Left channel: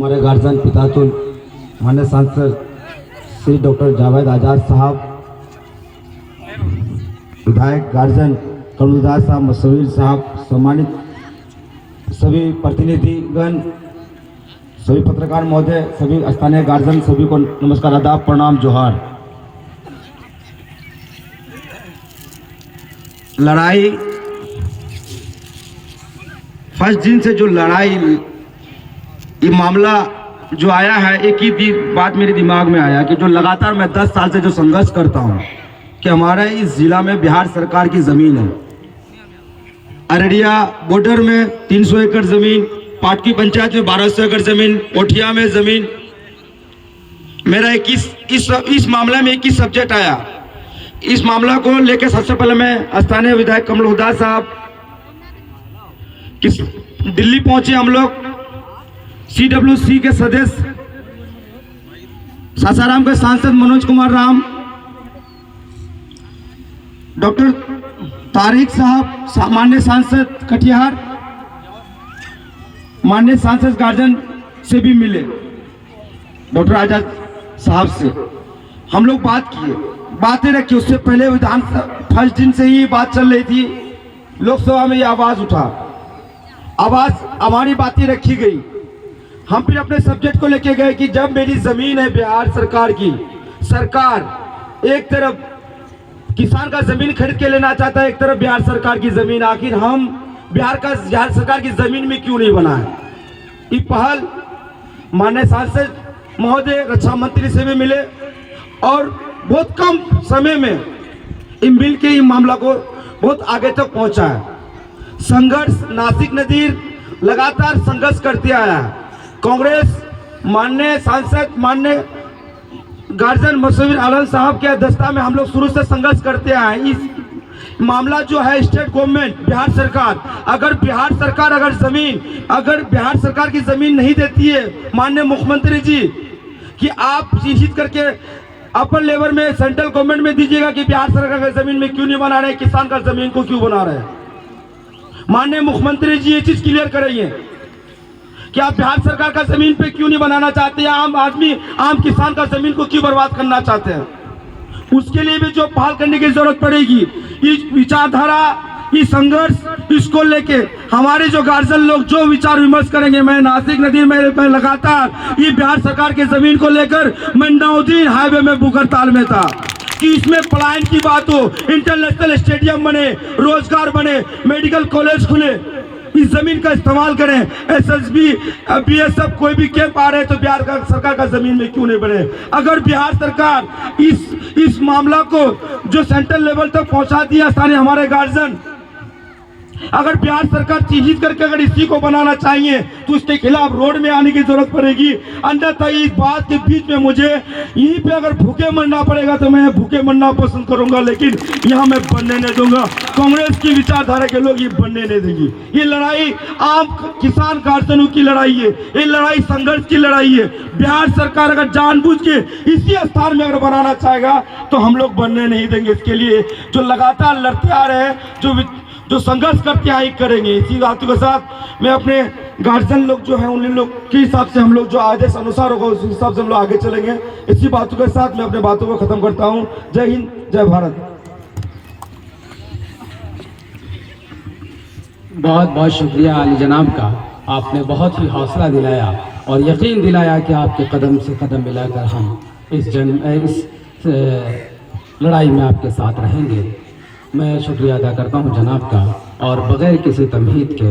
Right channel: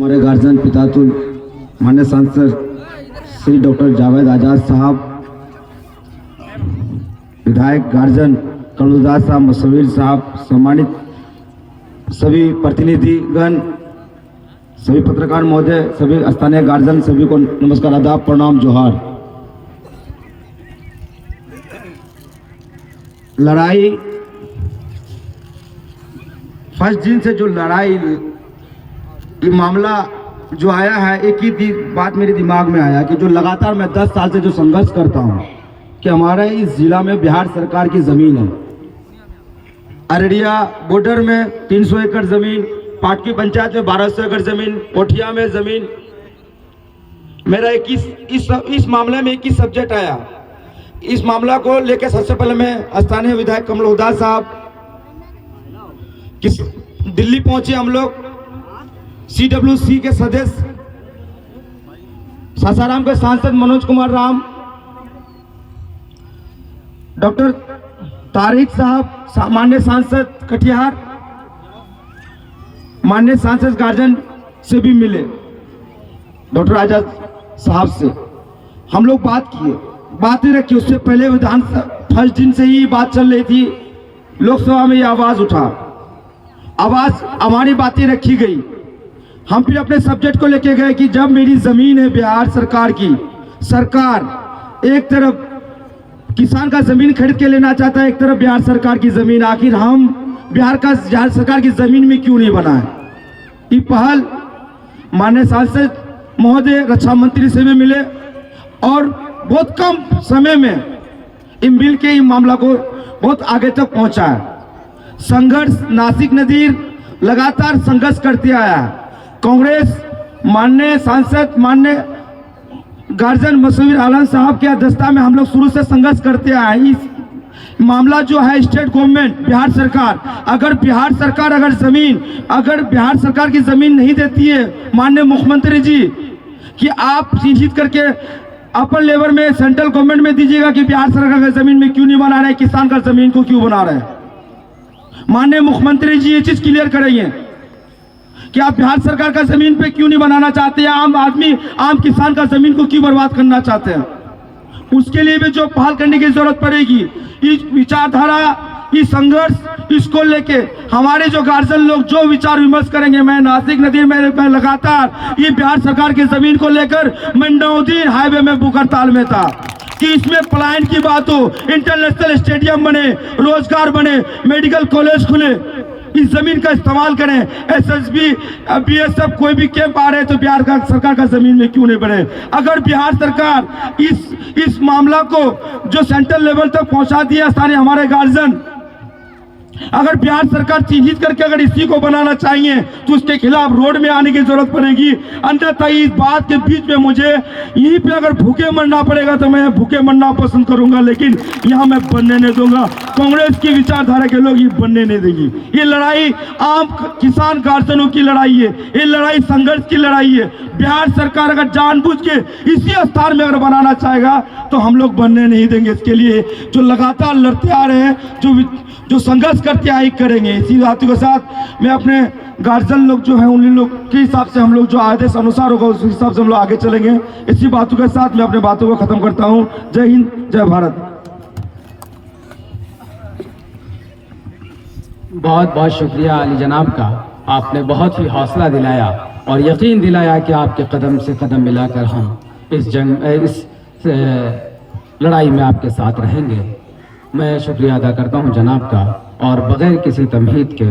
हमारे गार्जियन पितातुल माननीय सांसद श्री डॉक्टर जावेद आजाद साहब, विधायक गार्जियन कमलदास साहब, मुसविर साहब, सम्मानित सभी प्रतिनिधिगण, सभी पत्रकार महोदय, सभी स्थानीय गार्जियन, सभी को नमस्कार, आदाब, प्रणाम, जोहार। लड़ाई फर्स्ट दिन से जो लड़ाई, ये मामला जो आया है, एक ही बात मेरे दिमाग में आया कि जो लगातार मैं 10 साल से जो संघर्ष करता हूं कि हमारे इस जिला में बिहार सरकार की जमीन है। अररिया बॉर्डर में 300 एकड़ जमीन, पाटकी पंचायत में 1200 एकड़ जमीन, कोठिया में जमीन। मेरा इस मामले में 21 सब्जेक्ट आया। इस मामला को लेकर सबसे पहले मैं स्थानीय विधायक कमलदास साहब दिल्ली पहुंचे। हम लोग CWC के सदस्य, सासाराम के सांसद मनोज कुमार राम, डॉक्टर तारिक साहब, माननीय सांसद कटिहार, माननीय सांसद गार्जियन से भी मिले, डॉक्टर आजाद साहब से हम लोग बातें रखी। उससे पहले विधान फर्स्ट दिन से ही बात चल रही थी, लोकसभा में ये आवाज उठा, हमारी बातें रखी गई। हम फिर अपने सब्जेक्ट को लेके गए कि जब मेरी जमीन है बिहार सरकार की, सरकार एक तरफ किसान का जमीन खरीद के लेना चाहता है, एक तरफ बिहार सरकार की जमीन, आखिर हम बिहार सरकार की जमीन में क्यों नहीं बना है? ये पहल माननीय सांसद महोदय, रक्षा मंत्री से भी मिले और बहुत कम समय में इन मिल के इन मामला को बहुत आगे तक पहुंचा है। संघर्ष नासिक नदीर लगातार संघर्ष करते आया है। कांग्रेस माननीय सांसद, माननीय गार्जियन मुसविर आलम साहब के अध्यक्षता में हम लोग शुरू से संघर्ष करते आए हैं। इस मामला जो है स्टेट गवर्नमेंट, बिहार सरकार, अगर बिहार सरकार की जमीन नहीं देती है, माननीय मुख्यमंत्री जी, कि आप चिन्हित करके अपर लेवल में सेंट्रल गवर्नमेंट में दीजिएगा कि बिहार सरकार की जमीन में क्यों नहीं बना रहे, किसान का जमीन को क्यों बना रहे हैं। माननीय मुख्यमंत्री जी ये चीज क्लियर करेंगे कि आप बिहार सरकार का जमीन पे क्यों नहीं बनाना चाहते हैं, आम आदमी, आम किसान का जमीन को क्यों बर्बाद करना चाहते हैं। उसके लिए भी जो पहल करने की जरूरत पड़ेगी। इस विचारधारा, इस संघर्ष, इसको लेके हमारे जो गार्जियन लोग जो विचार विमर्श करेंगे, मैं नासिक नदी में लगातार ये बिहार सरकार की जमीन को लेकर मैं 9 दिन हाईवे में बुकरताल में था कि इसमें पलायन की बात हो, इंटरनेशनल स्टेडियम बने, रोजगार बने, मेडिकल कॉलेज खुले, इस जमीन का इस्तेमाल करें। SSB, BSF कोई भी कैंप आ रहे तो बिहार का सरकार का जमीन में क्यों नहीं बने। अगर बिहार सरकार इस मामला को जो सेंट्रल लेवल तक पहुंचा दिया स्थानीय हमारे गार्जियन, अगर बिहार सरकार चिन्हित करके अगर इसी को बनाना चाहिए तो उसके खिलाफ रोड में आने की जरूरत पड़ेगी। अन्यथा इस बात के बीच में मुझे यहीं पे अगर भूखे मरना पड़ेगा तो मैं भूखे मरना पसंद करूंगा, लेकिन यहाँ मैं बनने नहीं दूंगा। कांग्रेस की विचारधारा के लोग ये बनने नहीं देंगे। ये लड़ाई आम किसान गार्जियनों की लड़ाई है, ये लड़ाई संघर्ष की लड़ाई है। बिहार सरकार अगर जानबूझ के इसी स्थान में अगर बनाना चाहेगा तो हम लोग बनने नहीं देंगे। इसके लिए जो लगातार लड़ते आ रहे हैं, जो संघर्ष करके आई करेंगे। इसी बातों के साथ मैं अपने गार्जियन लोग जो है उन लोग के हिसाब से हम लोग जो आदेश अनुसार होगा उस हिसाब से हम लोग आगे चलेंगे। इसी बातों के साथ मैं अपने बातों को खत्म करता हूं। जय हिंद, जय भारत। बहुत बहुत शुक्रिया अली जनाब का, आपने बहुत ही हौसला दिलाया और यकीन दिलाया कि आपके कदम से कदम मिलाकर हम इस लड़ाई में आपके साथ रहेंगे। मैं शुक्रिया अदा करता हूं जनाब का और बगैर किसी तमहीद के